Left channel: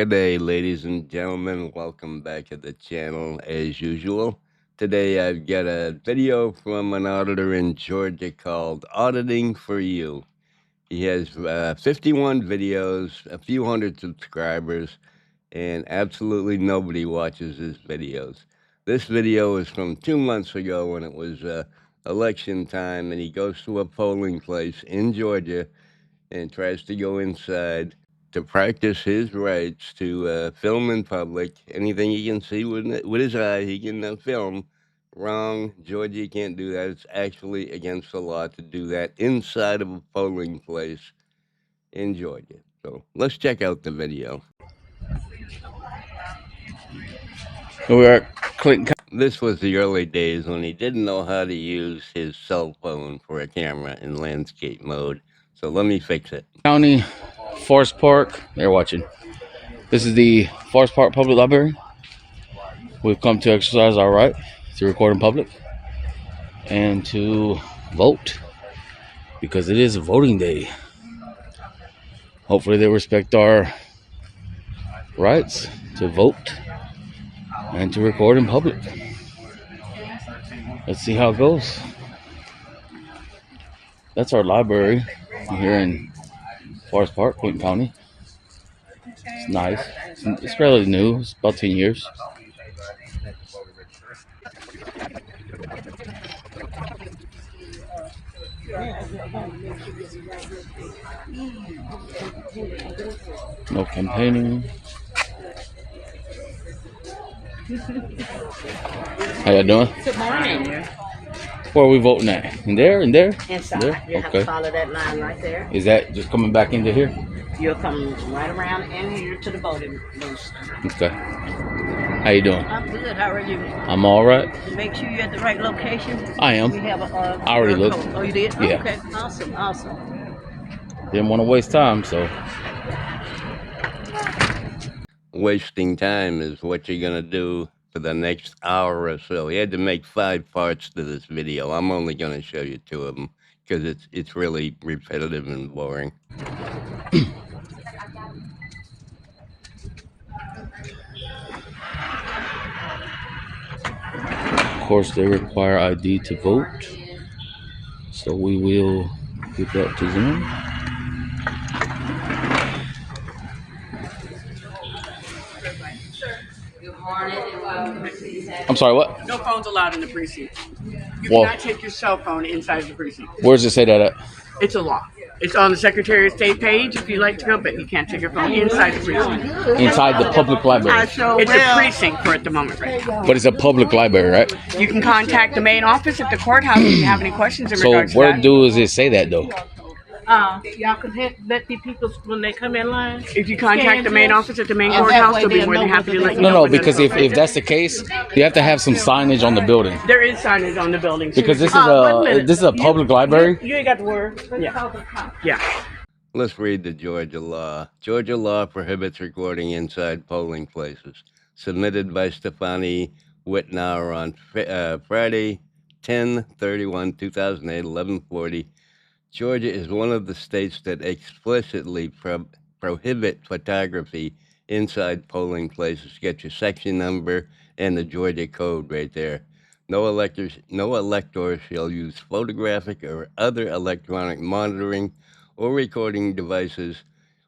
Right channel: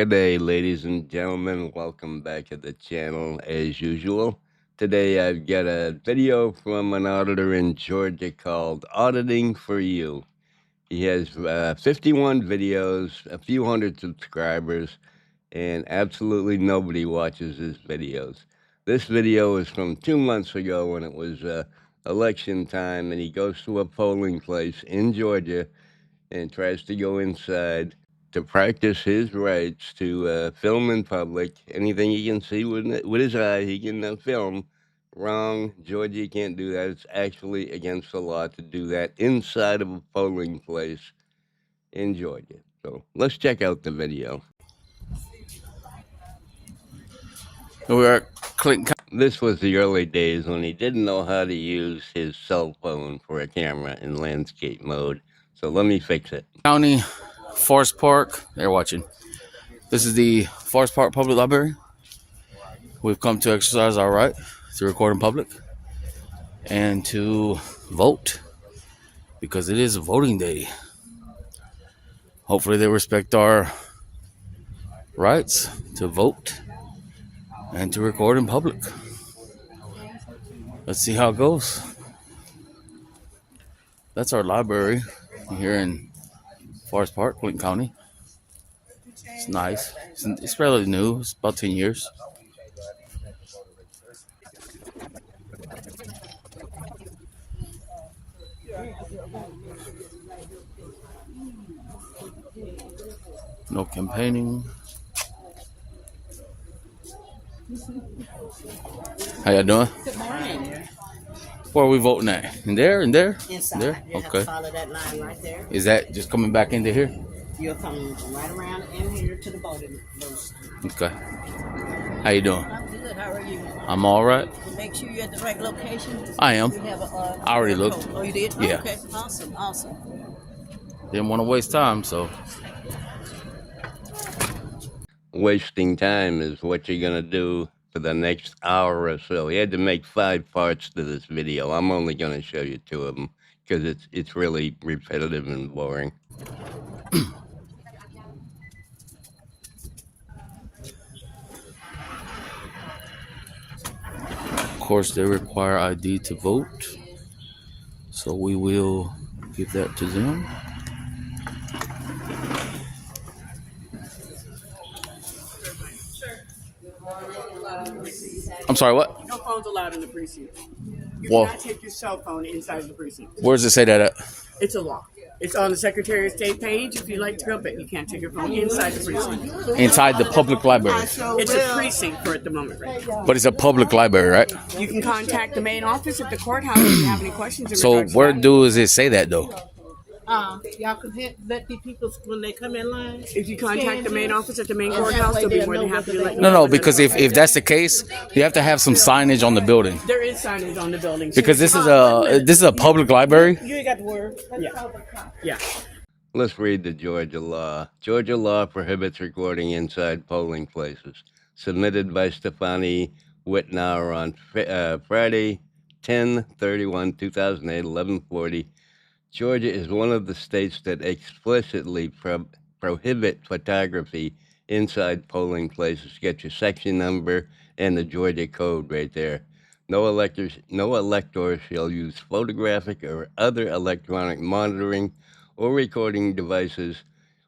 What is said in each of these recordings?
G'day, ladies and gentlemen. Welcome back to the channel as usual. Today I've got a video from an auditor in Georgia called Auditing for You. He has 51 videos, a few hundred subscribers, and absolutely nobody watches his videos. This video is from 2 months ago when it was election time, and he goes to a polling place in Georgia and tries to go inside to practice his rights to film in public. Anything he can see with his eye, he can film. Wrong. Georgia, you can't do that. It's actually against the law to do that inside of a polling place in Georgia. So let's check out the video. We're at Clinton. This was the early days when he didn't know how to use his cell phone for a camera in landscape mode. So let me fix it. County, Forest Park. They're watching. This is the Forest Park Public Library. We've come to exercise our right to record in public and to vote because it is voting day. Hopefully they respect our rights to vote and to record in public. Let's see how it goes. That's our library here in Forest Park, Clinton County. It's nice. It's fairly new. It's about 10 years. No campaigning. How you doing? Good morning. Where are we voting at? In there? In there? Inside. There? You have Okay. to follow that line right there. Is that just coming back into here? You'll come right around in here to the voting booth. Okay. How you doing? I'm good. How are you? I'm all right. Make sure you're at the right location. I am. We have a. I already QR looked. code. Oh, you did? Yeah. Okay. Awesome. Awesome. Didn't want to waste time, so. Wasting time is what you're going to do for the next hour or so. He had to make 5 parts to this video. I'm only going to show you 2 of them because it's really repetitive and boring. Of course, they require ID to vote, so we will give that to them. I'm sorry, what? No phones allowed in the precinct. You Well- cannot take your cell phone inside the precinct. Where does it say that at? It's a law. It's on the Secretary of State page if you like to go, but you can't take your phone inside the precinct. Inside the public library. It's a precinct for at the moment, right? But it's a public library, right? You can contact the main office at the courthouse if you have any questions in So regards to where that. does it say that, though? Y'all can let the people when they come in line. If you contact the main office at the main And that courthouse, way they'll be they'll more than know happy to what let you they- know. No, when they're because open. if that's the case, you have to have some signage on the building. There is signage on the building. Because this One is minute. a public library. You ain't got to worry. Yeah. Let's read the Georgia law. Georgia law prohibits recording inside polling places. Submitted by Stefani Whitnauer on Friday, 10/31/2008, 11:40. Georgia is one of the states that explicitly prohibit photography inside polling places. Get your section number and the Georgia code right there. No elector shall use photographic or other electronic monitoring or recording devices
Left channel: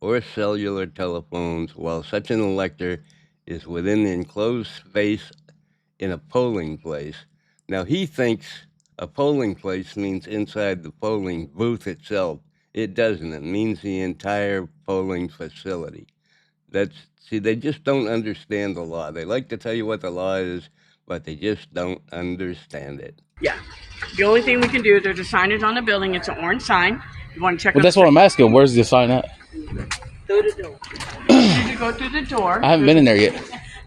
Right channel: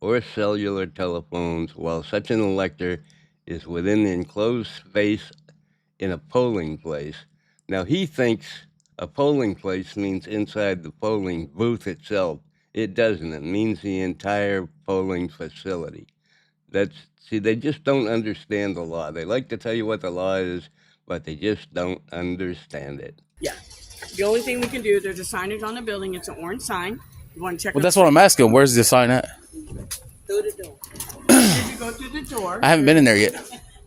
or cellular telephones while such an elector is within the enclosed space in a polling place. Now, he thinks a polling place means inside the polling booth itself. It doesn't. It means the entire polling facility. See, they just don't understand the law. They like to tell you what the law is, but they just don't understand it. Yeah. The only thing we can do, there's a signage on the building. It's an orange sign. You want to check Well, that's what I'm asking. Where's the sign at? through the door. You go through the door. I haven't been in there yet.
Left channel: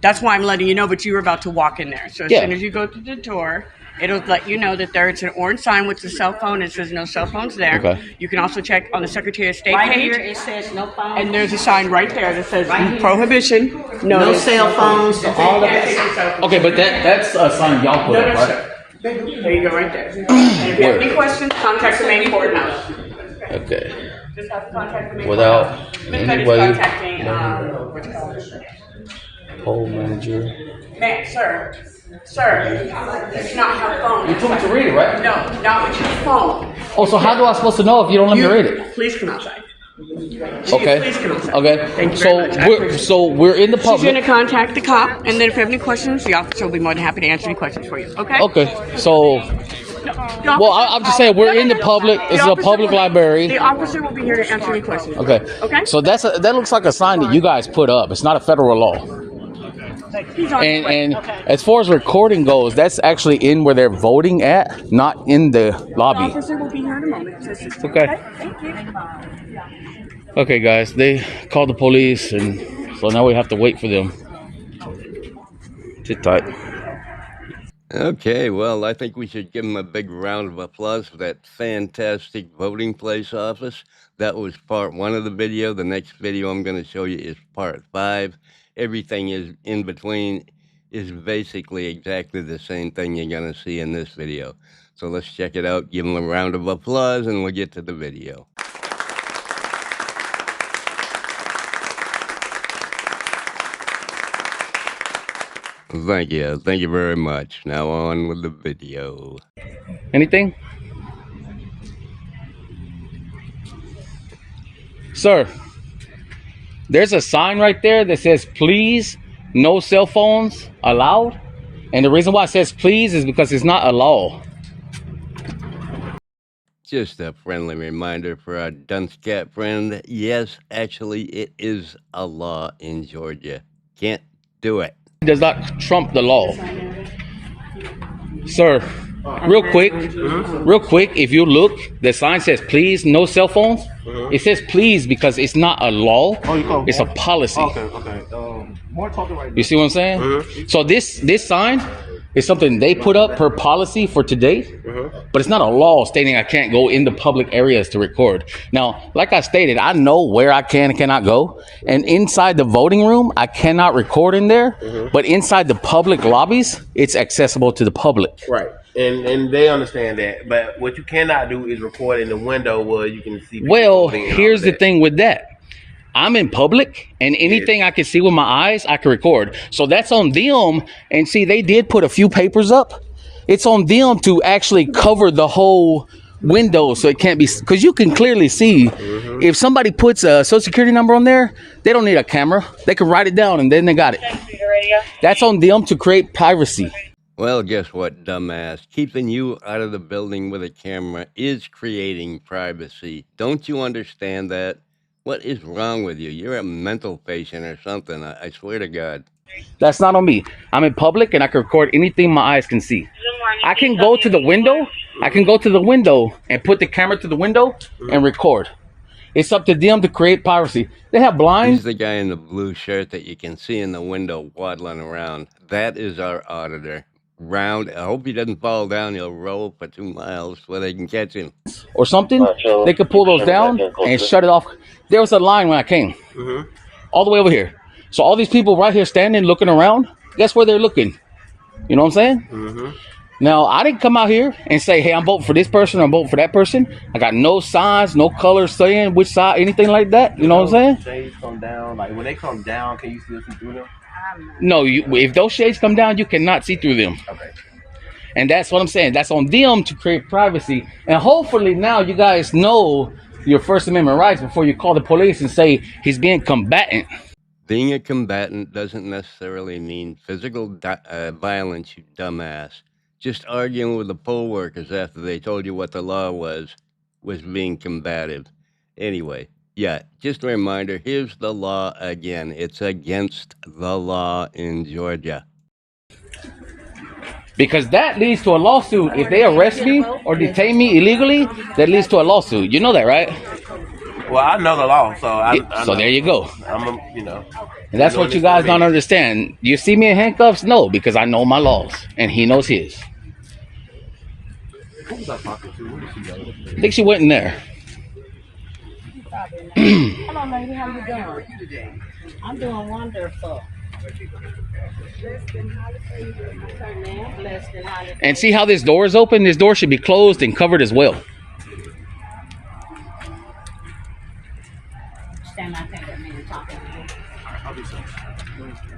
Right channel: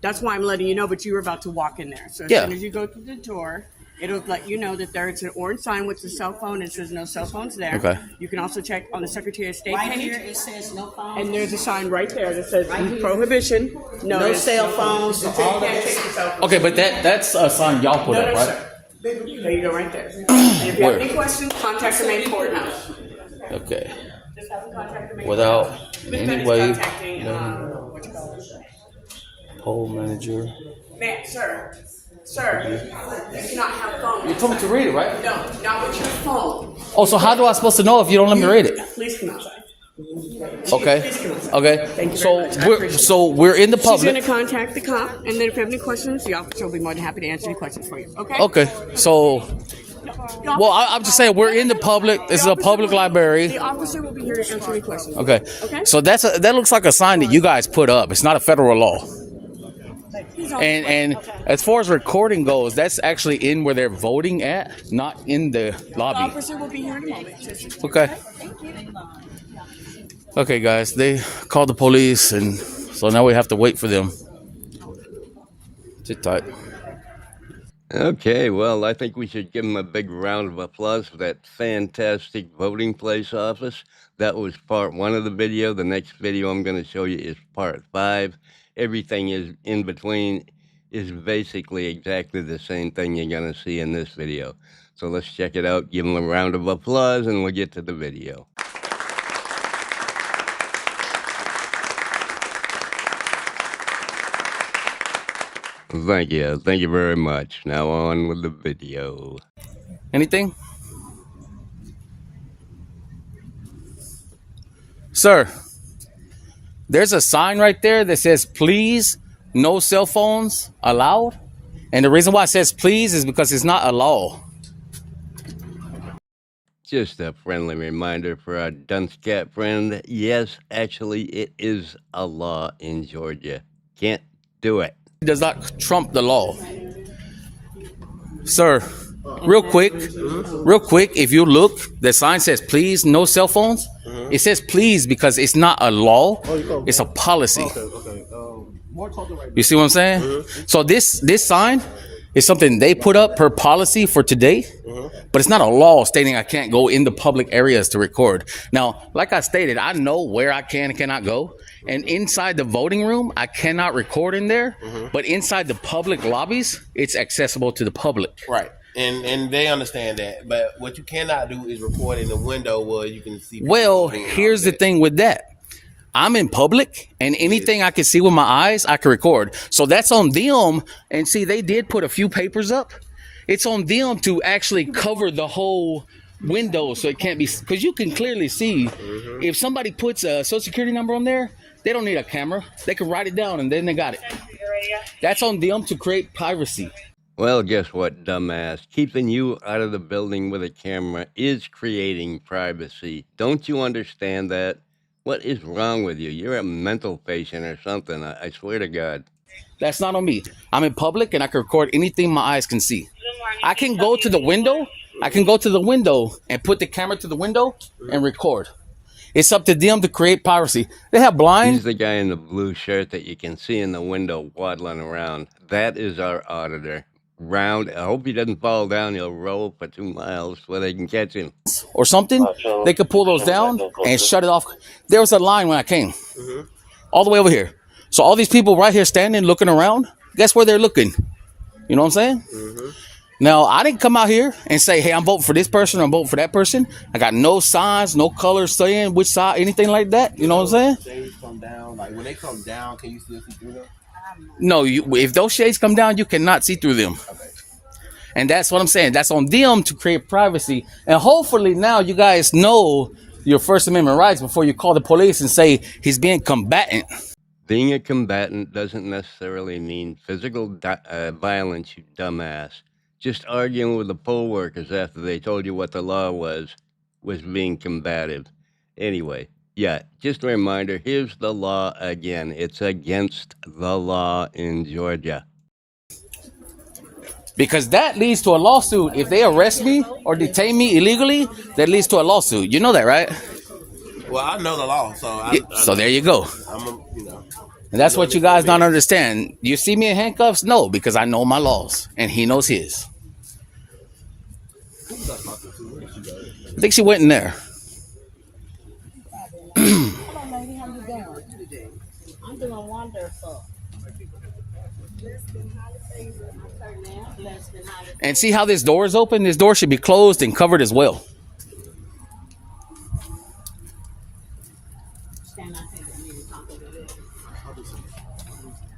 That's why I'm letting you know, but you were about to walk in there. So as Yeah. soon as you go through the door, it'll let you know that there's an orange sign with the cell phone. It says no cell phones there. Okay. You can also check on the Secretary of State Right page. here it says no phone. And there's a sign right there that says prohibition. No cell phones. All of that. Okay, but that's a sign y'all put No, up, no, right? sir. There you go, right there. And if you have any questions, contact the main courthouse. Okay. Just have to contact the main without courthouse. any way. Contacting, what you call it? Poll manager. Ma'am, sir, you do not have a phone. You told me to read it, right? No, not with your phone. Oh, so how do I supposed to know if you don't let me read it? Please come outside. Okay. Please come outside. Okay. Thank you very much. We're in the She's going to public. contact the cop, and then if you have any questions, the officer will be more than happy to answer any questions for you. Okay? Okay. So, well, I'm just saying we're in the public. It's a public library. The officer will be here to answer any questions. Okay. Okay? So that looks like a sign that you guys put up. It's not a federal law. He's on his way. And as far as recording goes, that's actually in where they're voting at, not in the The lobby. officer will be here in a moment. Okay. Thank you. Okay, guys, they called the police, and so now we have to wait for them. Sit tight. Okay, well, I think we should give them a big round of applause for that fantastic voting place office. That was part 1 of the video. The next video I'm going to show you is part 5. Everything is in between is basically exactly the same thing you're going to see in this video. So let's check it out, give them a round of applause, and we'll get to the video. Thank you. Thank you very much. Now on with the video. Anything? Sir, there's a sign right there that says, please, no cell phones allowed. And the reason why it says please is because it's not a law. Just a friendly reminder for our dunce cat friend. Yes, actually, it is a law in Georgia. Can't do it. It does not trump the law. Sir, real quick, if you look, the sign says please, no cell phones. It says please because it's not a law, it's a policy. Okay. You see what I'm saying? So this sign is something they put up per policy for today, but it's not a law stating I can't go into public areas to record. Now, like I stated, I know where I can and cannot go, and inside the voting room, I cannot record in there, but inside the public lobbies, it's accessible to the public. Right. And they understand that. But what you cannot do is record in the window where you can see people Well, moving and all here's the that. thing with that. I'm in public, and anything I can see with my eyes, I can record. So that's on them. And see, they did put a few papers up. It's on them to actually cover the whole window so it can't be, because you can clearly see if somebody puts a social security number on there, they don't need a camera. They can write it down and then they got it. That's on them to create privacy. Well, guess what, dumbass? Keeping you out of the building with a camera is creating privacy. Don't you understand that? What is wrong with you? You're a mental patient or something. I swear to God. That's not on me. I'm in public and I can record anything my eyes can see. I can go to the window. I can go to the window and put the camera to the window and record. It's up to them to create privacy. They have He's blinds. the guy in the blue shirt that you can see in the window waddling around. That is our auditor. Round. I hope he doesn't fall down. He'll roll for 2 miles where they can catch him. Or something, they could pull those down and shut it off. There was a line when I came, all the way over here. So all these people right here standing, looking around, guess where they're looking? You know what I'm saying? Now, I didn't come out here and say, hey, I'm voting for this person or I'm voting for that person. I got no signs, no colors saying which side, anything like that. You know what I'm saying? Shades come down. Like when they come down, can you still see through them? No, if those shades come down, you cannot see through them. Okay. And that's what I'm saying. That's on them to create privacy. And hopefully now you guys know your First Amendment rights before you call the police and say he's being combatant. Being a combatant doesn't necessarily mean physical violence, you dumbass. Just arguing with the poll workers after they told you what the law was being combative. Anyway, yeah, just a reminder, here's the law again. It's against the law in Georgia. Because that leads to a lawsuit. If they arrest me or detain me illegally, that leads to a lawsuit. You know that, right? Well, I know the law, so I So there you go. I'm And that's what you guys don't understand. You see me in handcuffs? No, because I know my laws and he knows his. I think she went in there. Hello, lady. How you doing? I'm doing wonderful. And see how this door is open? This door should be closed and covered as well.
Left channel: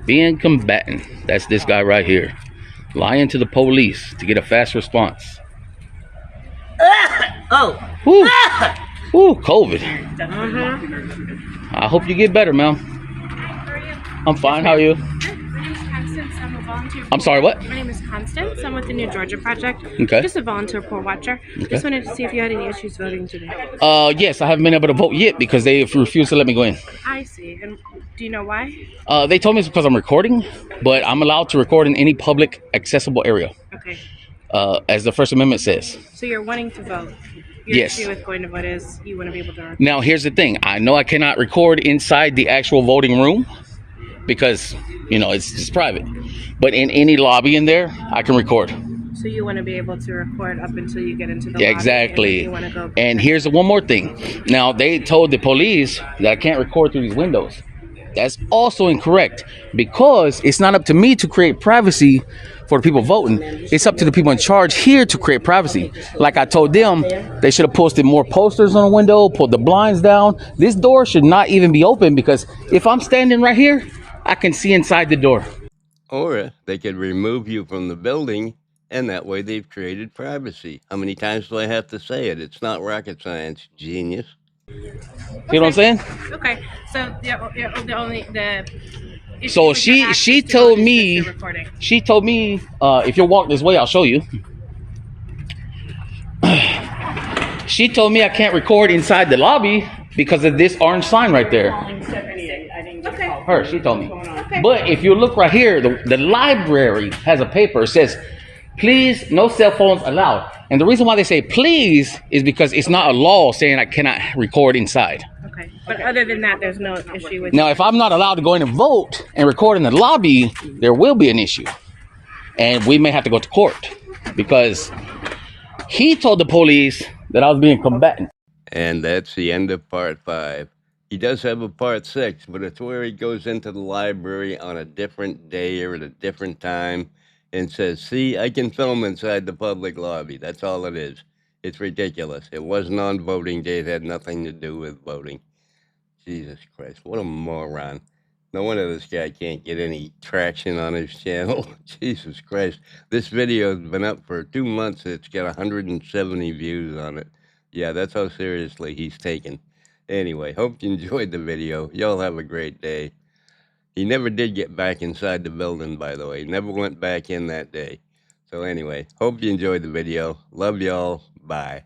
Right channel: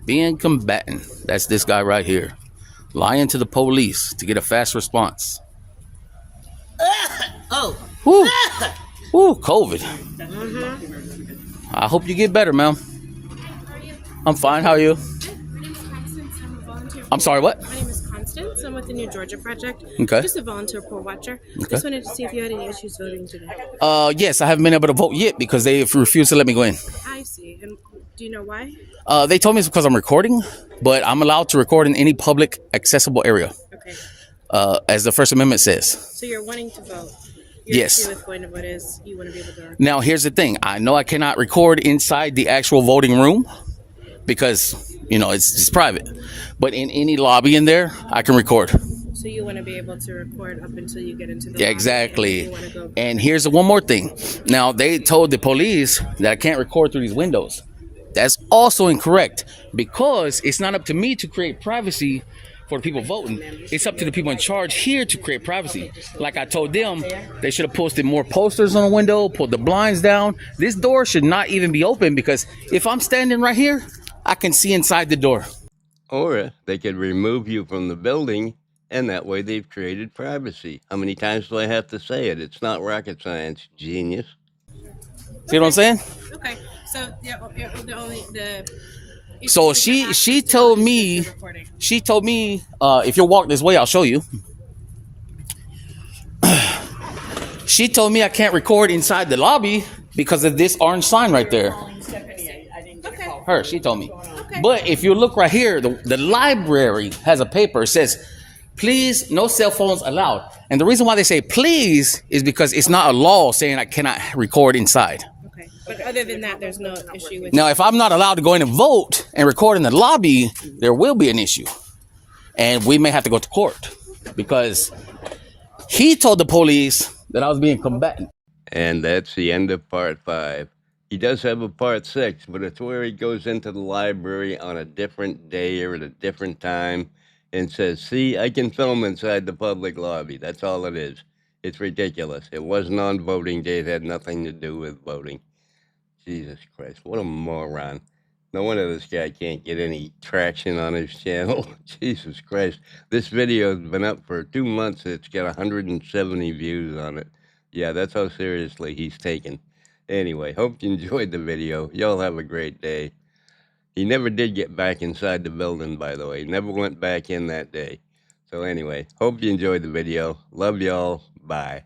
Being combatant. That's this guy right here. Lying to the police to get a fast response. Oh. Woo. Woo, COVID. I hope you get better, ma'am. I'm fine. How are you? My name is Constance. I'm a volunteer. I'm sorry, what? My name is Constance. I'm with the New Georgia Project. Okay. Just a volunteer poll watcher. Just wanted to see if you had any issues voting today. Yes, I haven't been able to vote yet because they refused to let me go in. I see. And do you know why? They told me it's because I'm recording, but I'm allowed to record in any public accessible area, Okay. as the First Amendment says. So you're wanting to vote. Your Yes. issue with going to vote is you want to be able to record. Now, here's the thing. I know I cannot record inside the actual voting room because, it's private. But in any lobby in there, I can record. So you want to be able to record up until you get into the Yeah, lobby, exactly. And you want to go. And here's one more thing. Now, they told the police that I can't record through these windows. That's also incorrect because it's not up to me to create privacy for the people voting. It's up to the people in charge here to create privacy. Like I told them, they should have posted more posters on the window, pulled the blinds down. This door should not even be open because if I'm standing right here, I can see inside the door. Or they could remove you from the building, and that way they've created privacy. How many times do I have to say it? It's not rocket science, genius. See what I'm saying? Okay. So the only So she told me, if you'll walk this way, I'll show you. She told me I can't record inside the lobby because of this orange sign right there. Her, she told me. But if you look right here, the library has a paper. It says, please, no cell phones allowed. And the reason why they say please is because it's not a law saying I cannot record inside. Okay. But other than that, there's no issue with. Now, if I'm not allowed to go in and vote and record in the lobby, there will be an issue. And we may have to go to court because he told the police that I was being combatant. And that's the end of part 5. He does have a part 6, but it's where he goes into the library on a different day or at a different time and says, see, I can film inside the public lobby. That's all it is. It's ridiculous. It wasn't on voting day. It had nothing to do with voting. Jesus Christ, what a moron. No wonder this guy can't get any traction on his channel. Jesus Christ. This video has been up for 2 months. It's got 170 views on it. Yeah, that's how seriously he's taken. Anyway, hope you enjoyed the video. Y'all have a great day. He never did get back inside the building, by the way. Never went back in that day. So anyway, hope you enjoyed the video. Love y'all. Bye.